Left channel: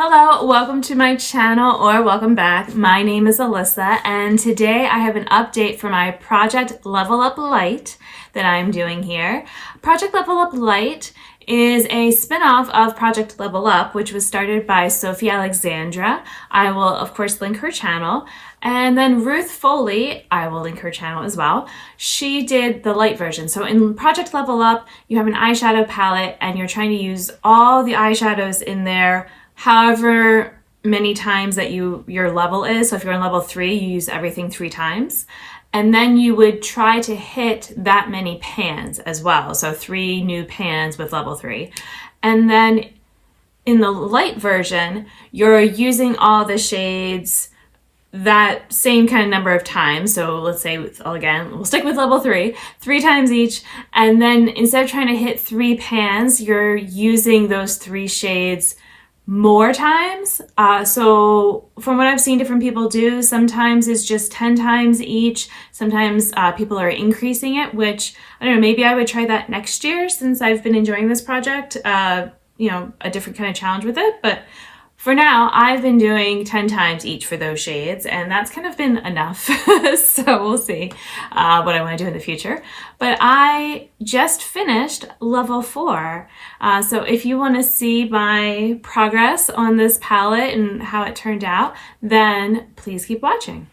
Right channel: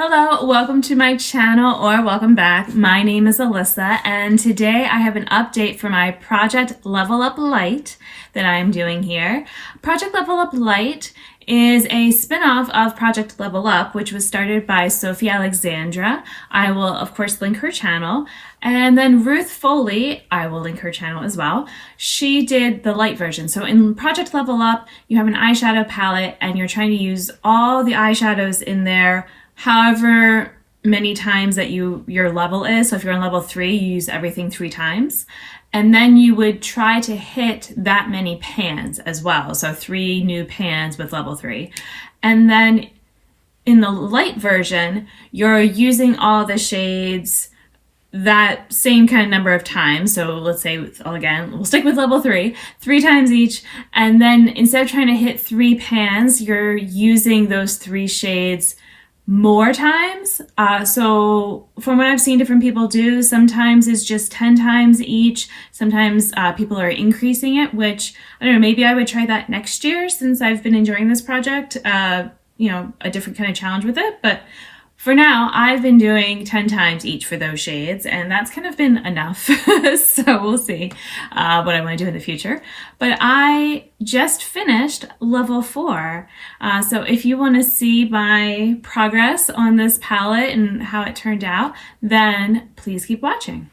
Hello, welcome to my channel or welcome back. My name is Alyssa and today I have an update for my Project Level Up Lite that I'm doing here. Project Level Up Lite is a spin-off of Project Level Up, which was started by Sophie Alexandra. I will of course link her channel. And then Ruth Foley, I will link her channel as well. She did the light version. So in Project Level Up, you have an eyeshadow palette and you're trying to use all the eyeshadows in there however many times that your level is. So if you're on level 3, you use everything 3 times. And then you would try to hit that many pans as well. So 3 new pans with level 3. And then in the light version, you're using all the shades that same kind of number of times. So let's say, again, we'll stick with level 3 times each. And then instead of trying to hit 3 pans, you're using those 3 shades more times. So from what I've seen different people do, sometimes it's just 10 times each. Sometimes people are increasing it, which I don't know, maybe I would try that next year since I've been enjoying this project, a different kind of challenge with it. But for now, I've been doing 10 times each for those shades, and that's kind of been enough. So we'll see what I want to do in the future. But I just finished level 4. So if you want to see my progress on this palette and how it turned out, then please keep watching.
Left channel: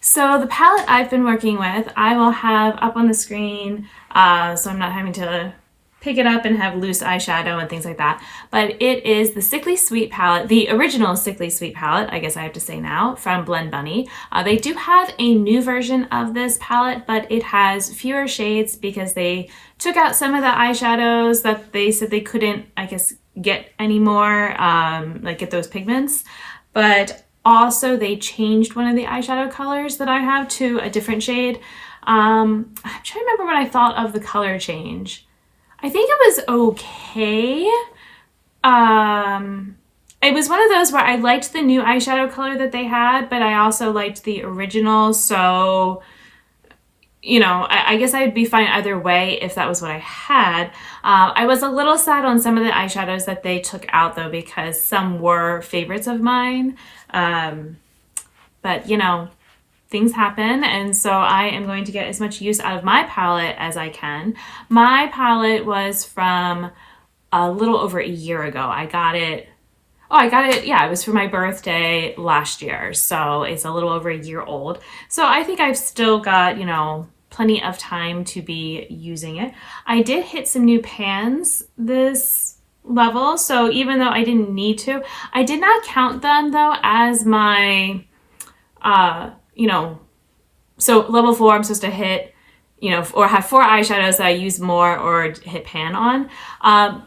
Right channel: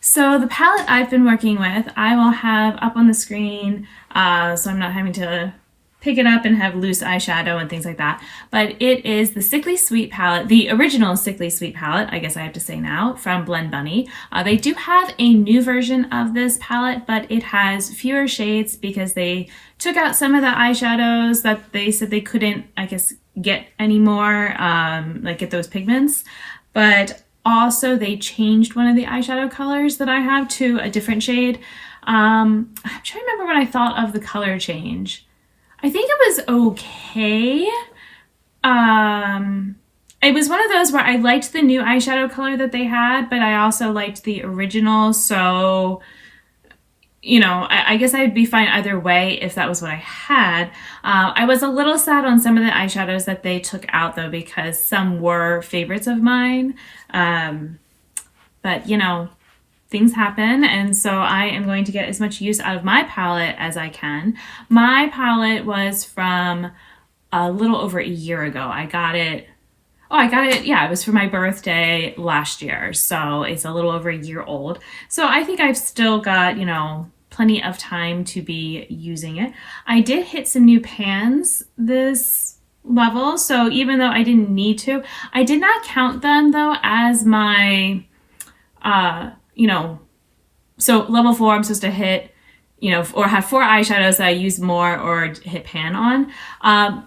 So the palette I've been working with, I will have up on the screen, so I'm not having to pick it up and have loose eyeshadow and things like that. But it is the Sickly Sweet palette, the original Sickly Sweet palette, I guess I have to say now, from Blend Bunny. They do have a new version of this palette, but it has fewer shades because they took out some of the eyeshadows that they said they couldn't, I guess, get anymore, like get those pigments. But also they changed one of the eyeshadow colors that I have to a different shade. I'm trying to remember what I thought of the color change. I think it was okay. It was one of those where I liked the new eyeshadow color that they had, but I also liked the original. So, I guess I'd be fine either way if that was what I had. I was a little sad on some of the eyeshadows that they took out though, because some were favorites of mine. But things happen, and so I am going to get as much use out of my palette as I can. My palette was from a little over a year ago. I got it, yeah, it was for my birthday last year, so it's a little over a year old. So I think I've still got, plenty of time to be using it. I did hit some new pans this level, so even though I didn't need to, I did not count them though as my so level 4, I'm supposed to hit, or have 4 eyeshadows that I use more or hit pan on.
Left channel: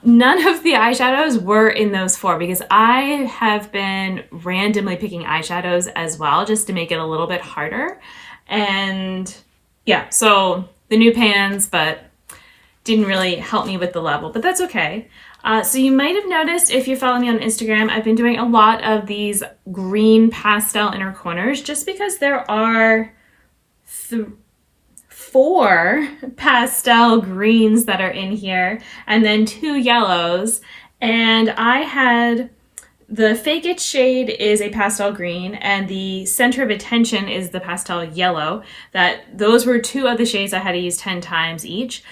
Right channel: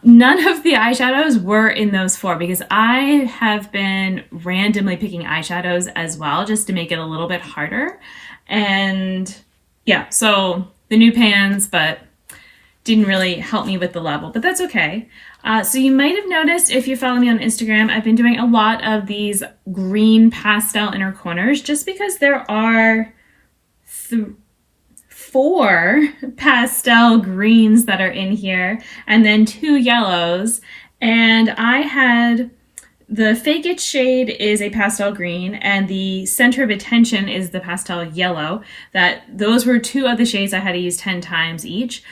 None of the eyeshadows were in those 4 because I have been randomly picking eyeshadows as well, just to make it a little bit harder. And yeah, so the new pans, but didn't really help me with the level, but that's okay. So you might have noticed if you follow me on Instagram, I've been doing a lot of these green pastel inner corners just because there are 4 pastel greens that are in here and then 2 yellows. And I had the Fake It shade is a pastel green and the Center of Attention is the pastel yellow. Those were 2 of the shades I had to use 10 times each.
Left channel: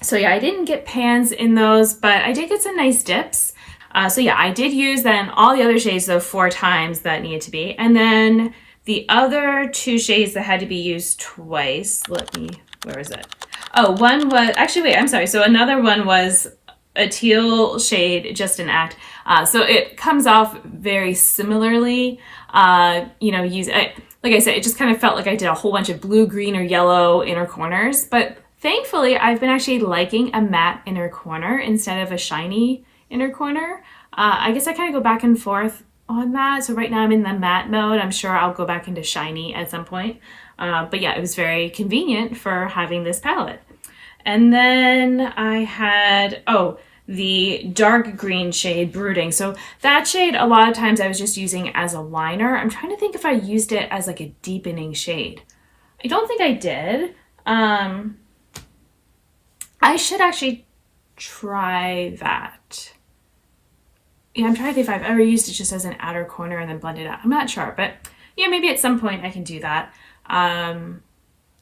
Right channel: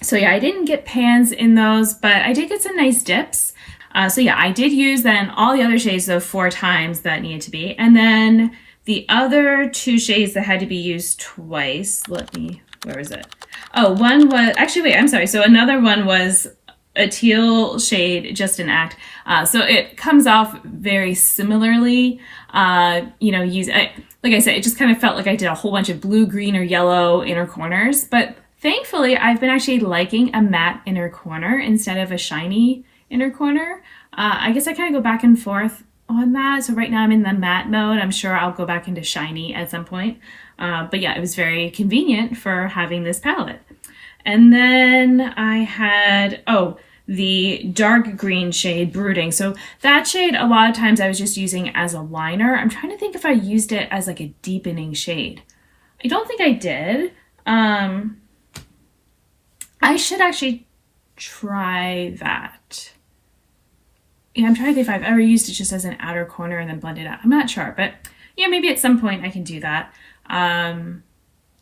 So yeah, I didn't get pans in those, but I did get some nice dips. So yeah, I did use then all the other shades though 4 times that needed to be. And then the other 2 shades that had to be used twice, where is it? Oh, one was, actually wait, I'm sorry. So another one was a teal shade, Just an Act. So it comes off very similarly, like I said, it just kind of felt like I did a whole bunch of blue, green, or yellow inner corners, but thankfully, I've been actually liking a matte inner corner instead of a shiny inner corner. I guess I kind of go back and forth on that. So right now I'm in the matte mode. I'm sure I'll go back into shiny at some point. But yeah, it was very convenient for having this palette. And then I had, the dark green shade, Brooding. So that shade, a lot of times I was just using as a liner. I'm trying to think if I used it as like a deepening shade. I don't think I did. I should actually try that. yeah, I'm trying to think if I've ever used it just as an outer corner and then blended out. I'm not sure, but yeah, maybe at some point I can do that.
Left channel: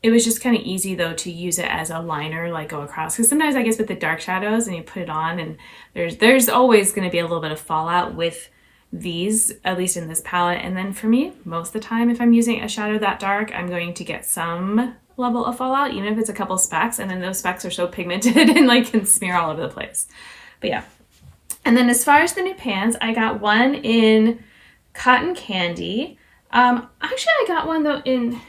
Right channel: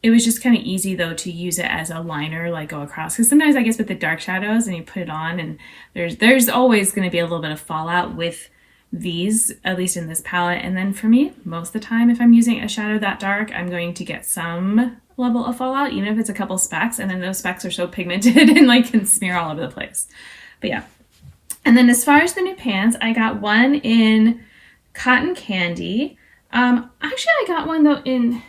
It was just kind of easy though to use it as a liner, like go across. Because sometimes I guess with the dark shadows and you put it on and there's always going to be a little bit of fallout with these, at least in this palette. And then for me, most of the time, if I'm using a shadow that dark, I'm going to get some level of fallout, even if it's a couple specks. And then those specks are so pigmented and like can smear all over the place. But yeah. And then as far as the new pans, I got one in Cotton Candy. Actually, I got one though in,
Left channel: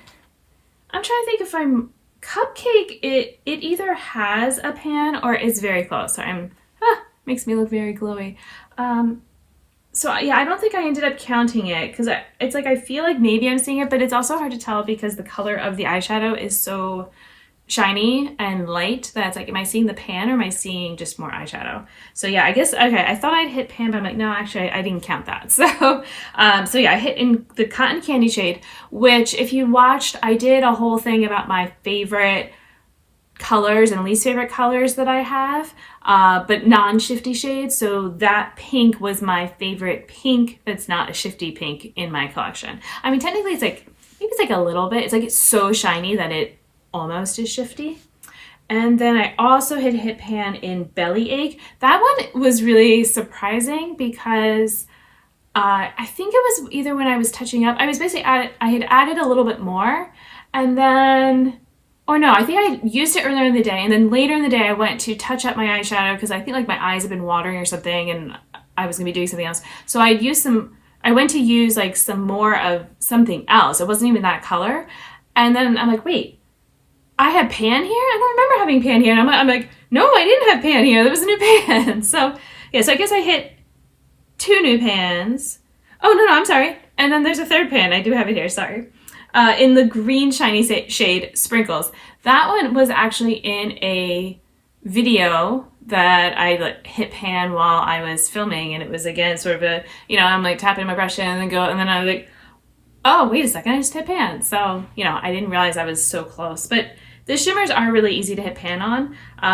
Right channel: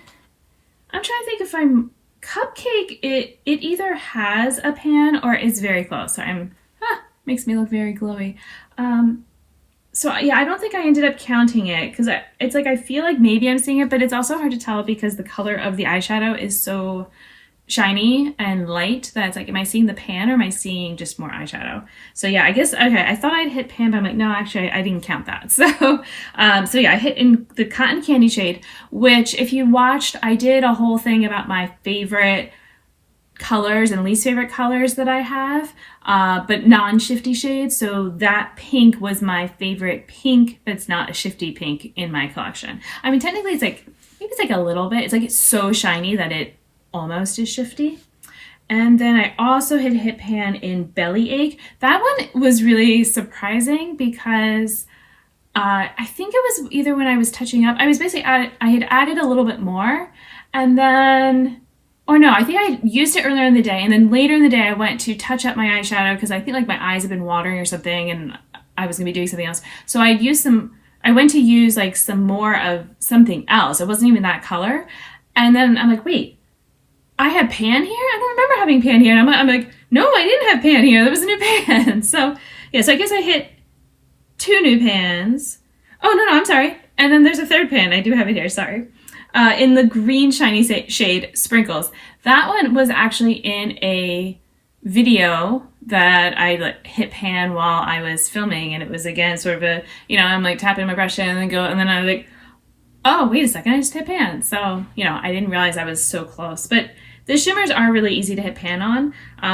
I'm trying to think if I'm, Cupcake, it either has a pan or is very close. So makes me look very glowy. So yeah, I don't think I ended up counting it because it's like I feel like maybe I'm seeing it, but it's also hard to tell because the color of the eyeshadow is so shiny and light that it's like, am I seeing the pan or am I seeing just more eyeshadow? So yeah, I guess, okay, I thought I'd hit pan, but I'm like, no, actually I didn't count that. So, so yeah, I hit in the Cotton Candy shade, which if you watched, I did a whole thing about my favorite colors and least favorite colors that I have, but non-shifty shades. So that pink was my favorite pink that's not a shifty pink in my collection. I mean, technically it's like, maybe it's like a little bit, it's like it's so shiny that it almost is shifty. And then I also hit pan in Bellyache. That one was really surprising because I think it was either when I was touching up, I was basically, I had added a little bit more and then, or no, I think I used it earlier in the day and then later in the day I went to touch up my eyeshadow because I think like my eyes have been watering or something and I was gonna be doing something else. So I went to use like some more of something else. It wasn't even that color. And then I'm like, wait, I had pan here? I don't remember having pan here. And I'm like, no, I didn't have pan here. There was a new pan. So yeah, so I guess I hit 2 new pans. Oh, no, I'm sorry. And then there's a third pan. I do have it here, sorry. In the green shiny shade Sprinkles. That one was actually in a video that I like hit pan while I was filming. And it was again sort of a, I'm like tapping my brush in and then I was like, oh, wait a second, I just hit pan. So, I didn't realize I was so close. But the shimmers are really easy to hit pan on.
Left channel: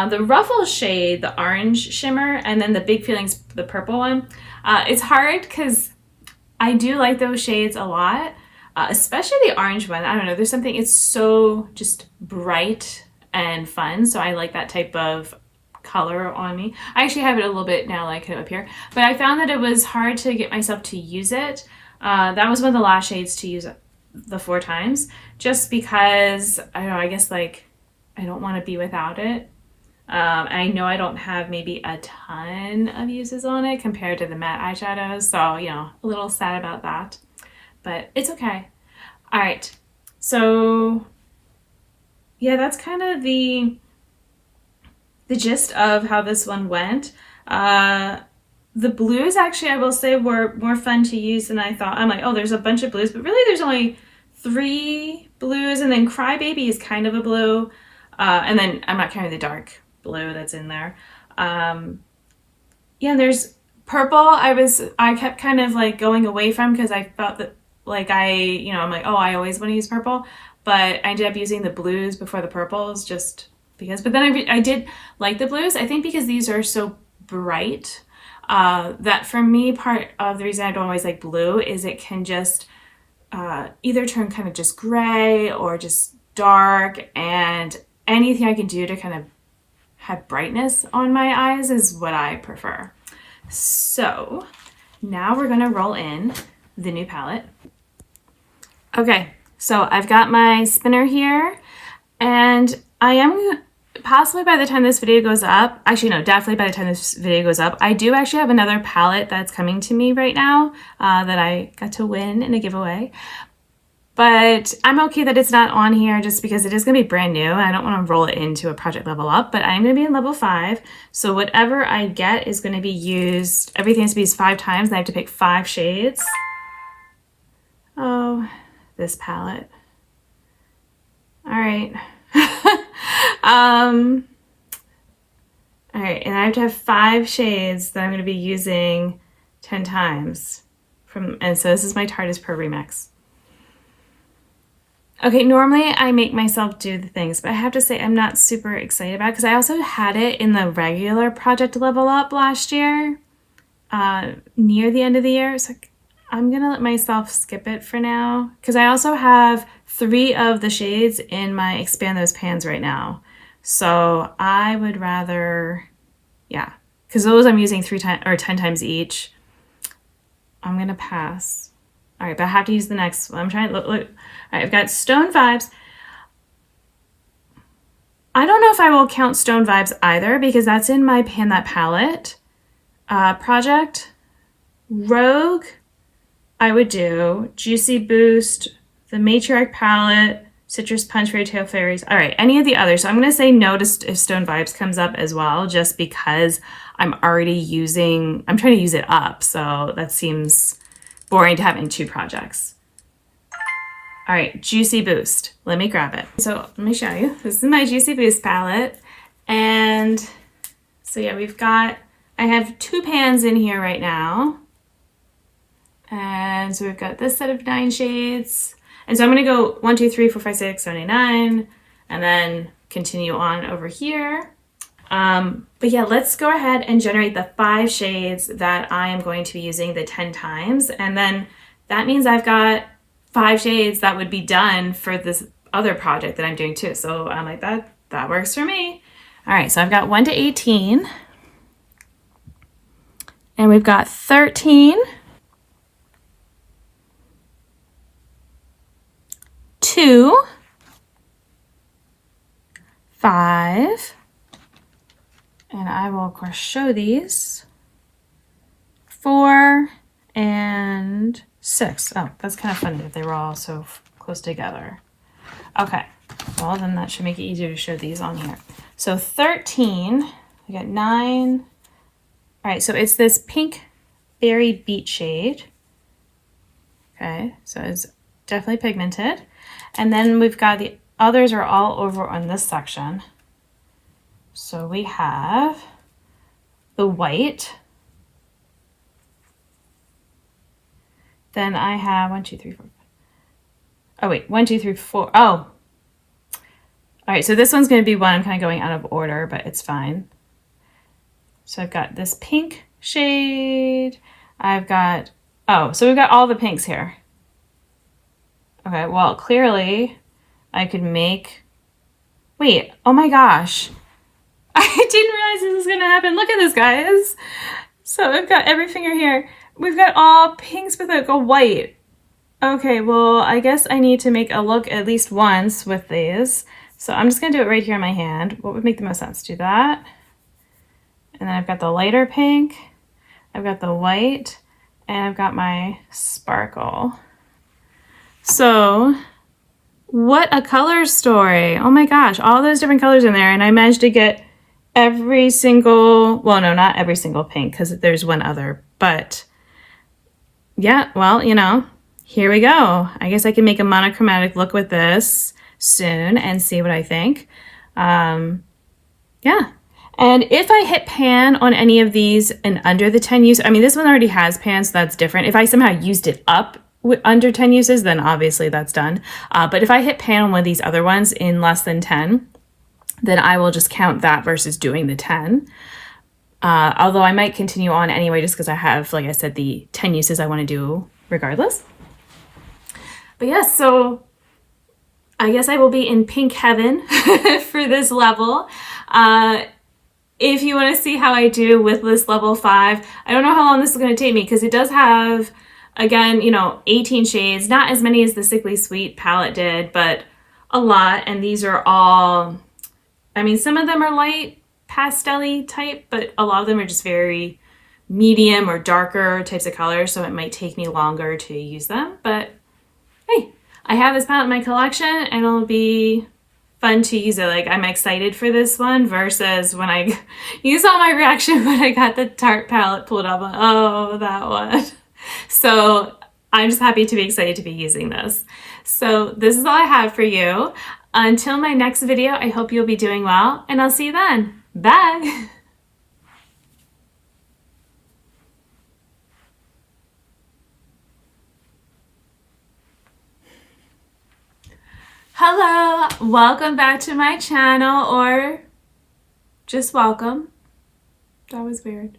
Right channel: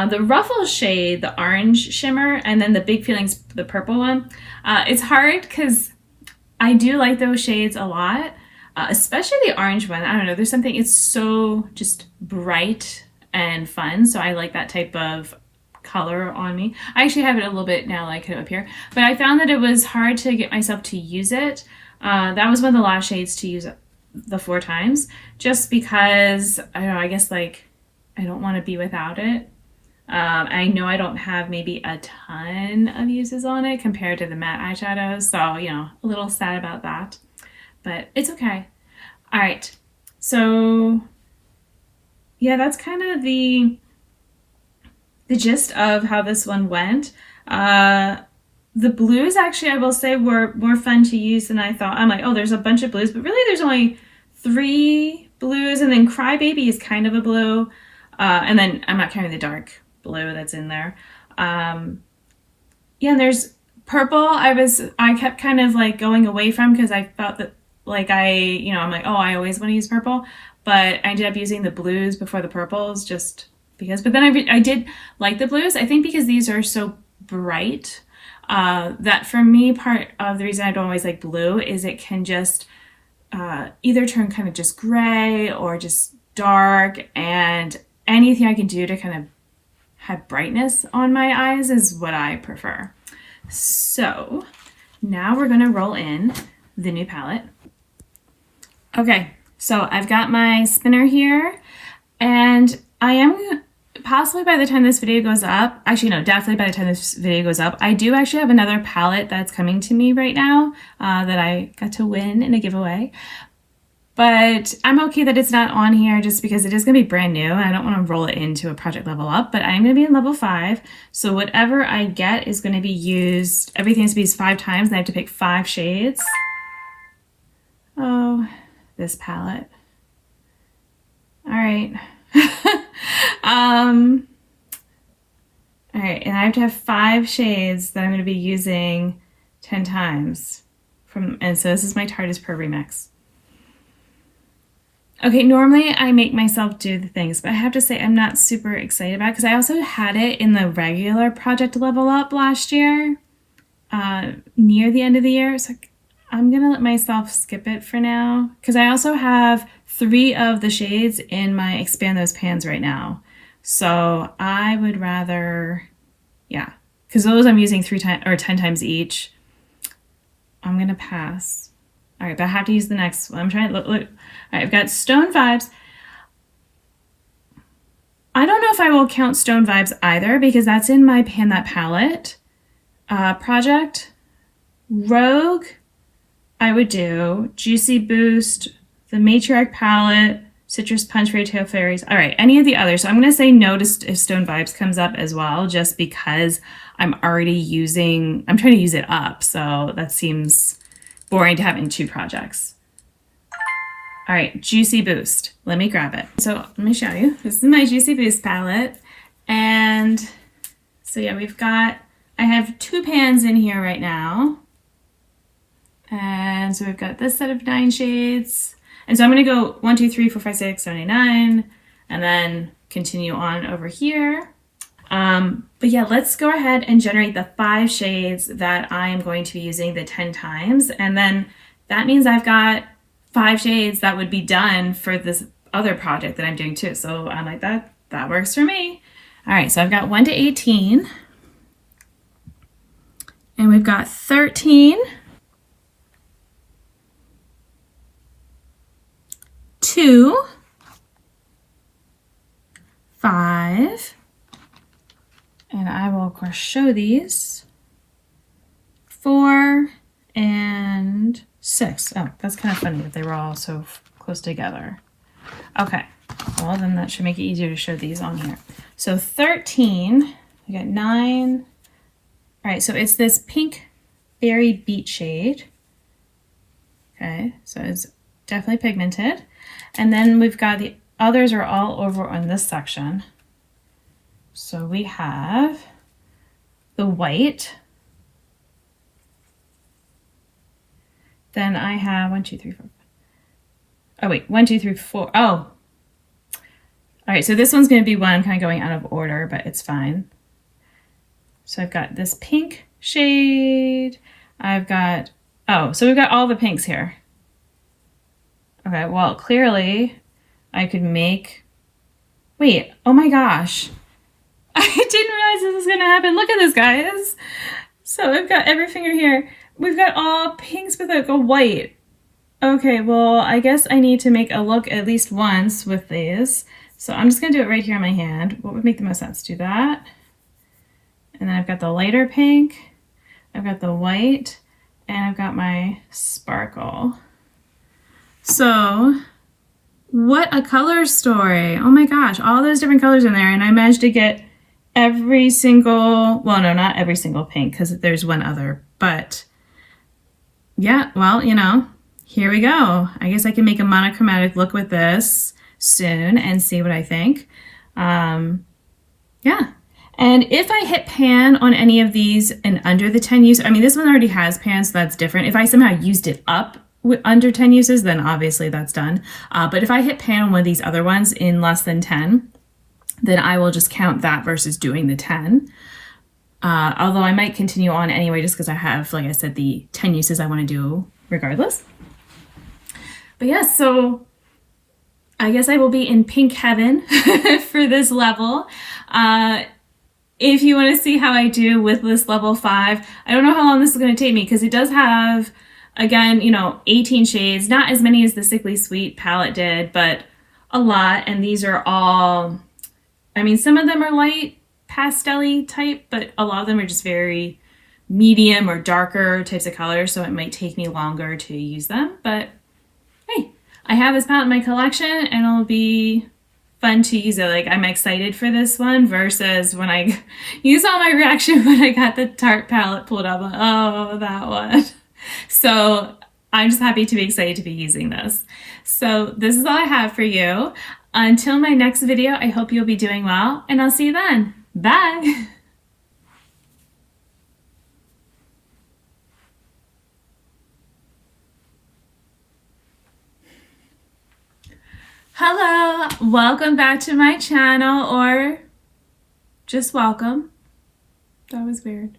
The Ruffles shade, the orange shimmer, and then the Big Feelings, the purple one. It's hard because I do like those shades a lot, especially the orange one. I don't know, there's something, it's so just bright and fun. So I like that type of color on me. I actually have it a little bit now, like up here. But I found that it was hard to get myself to use it. That was one of the last shades to use the 4 times, just because, I don't know, I guess like I don't want to be without it. I know I don't have maybe a ton of uses on it compared to the matte eyeshadows, so, a little sad about that, but it's okay. All right, so yeah, that's kind of the gist of how this one went. The blues, actually, I will say, were more fun to use than I thought. I'm like, oh, there's a bunch of blues, but really there's only 3 blues, and then Crybaby is kind of a blue, and then I'm not counting the dark blue that's in there. Yeah, and there's purple. I kept kind of like going away from because I felt that like I'm like, oh, I always want to use purple, but I ended up using the blues before the purples just because. But then I did like the blues, I think, because these are so bright. That for me, part of the reason I don't always like blue is it can just either turn kind of just gray or just dark, and anything I can do to kind of have brightness on my eyes is what I prefer. So now we're gonna roll in the new palette. Okay, so I've got my spinner here, and I am possibly by the time this video goes up, actually no, definitely by the time this video goes up, I do actually have another palette that's coming to me right now that I got to win in a giveaway. But I'm okay that it's not on here just because it is going to be brand new. I don't want to roll it into a project level up, but I'm going to be in level 5. So whatever I get is going to be used, everything has to be used 5 times, and I have to pick 5 shades. Oh, this palette. All right. All right, and I have to have 5 shades that I'm going to be using 10 times. And so this is my Tarte's Pro Remix. Okay, normally I make myself do the things, but I have to say I'm not super excited about it because I also had it in the regular project level up last year. near the end of the year. So I'm gonna let myself skip it for now because I also have 3 of the shades in my expand those pans right now. So I would rather, yeah, because those I'm using 3 times or 10 times each. I'm gonna pass. All right, but I have to use the next one. I'm trying to look. All right, I've got Stone Vibes. I don't know if I will count Stone Vibes either because that's in my Pan That Palette project. Rogue, I would do. Juicy Boost, the Matriarch Palette, Citrus Punch, Fairy Tale Fairies. All right, any of the others. So I'm going to say no to if Stone Vibes comes up as well, just because I'm already using, I'm trying to use it up. So that seems boring to have in 2 projects. All right, Juicy Boost. Let me grab it. So let me show you. This is my Juicy Boost palette. And so yeah, I have 2 pans in here right now. And so we've got this set of 9 shades. And so I'm gonna go 1, 2, 3, 4, 5, 6, 7, 8, 9, and then continue on over here. But yeah, let's go ahead and generate the 5 shades that I am going to be using the 10 times. And then that means I've got 5 shades that would be done for this other project that I'm doing too. So I'm like, that works for me. All right, so I've got 1 to 18. And we've got 13. 2, 5, and I will of course show these, 4 and 6. Oh, that's kind of funny that they were all so close together. Okay, well then that should make it easier to show these on here. So 13, we got 9. All right, so it's this pink berry beet shade. Okay, so it's definitely pigmented. And then we've got the others are all over on this section. So we have the white. Then I have 1, 2, 3, 4. Oh wait, 1, 2, 3, 4. Oh. All right, so this one's gonna be one I'm kind of going out of order, but it's fine. So I've got this pink shade. I've got, oh, so we've got all the pinks here. Okay, well, clearly I could make, wait, oh my gosh. I didn't realize this was gonna happen. Look at this, guys. So I've got every finger here. We've got all pinks with like a white. Okay, well, I guess I need to make a look at least once with these. So I'm just gonna do it right here in my hand. What would make the most sense? Do that. And then I've got the lighter pink. I've got the white, and I've got my sparkle. So what a color story. Oh my gosh, all those different colors in there. And I managed to get every single, well, no, not every single pink because there's one other, but yeah, well, you know, here we go. I guess I can make a monochromatic look with this soon and see what I think. Yeah. And if I hit pan on any of these and under the 10 use, I mean, this one already has pan, so that's different. If I somehow used it up under 10 uses, then obviously that's done. But if I hit pan on one of these other ones in less than 10, then I will just count that versus doing the 10. Although I might continue on anyway, just because I have, like I said, the 10 uses I want to do regardless. But yeah, so I guess I will be in pink heaven for this level. If you want to see how I do with this level 5, I don't know how long this is going to take me because it does have, again, you know, 18 shades, not as many as the Sickly Sweet palette did, but a lot. And these are all, I mean, some of them are light pastel-y type, but a lot of them are just very medium or darker types of colors. So it might take me longer to use them, but hey, I have this palette in my collection and it'll be fun to use it. Like, I'm excited for this one versus when I, you saw my reaction when I got the Tarte palette pulled up. Oh, that one. So I'm just happy to be excited to be using this. So this is all I have for you. Until my next video, I hope you'll be doing well, and I'll see you then. Bye. Hello, welcome back to my channel, or just welcome. That was weird.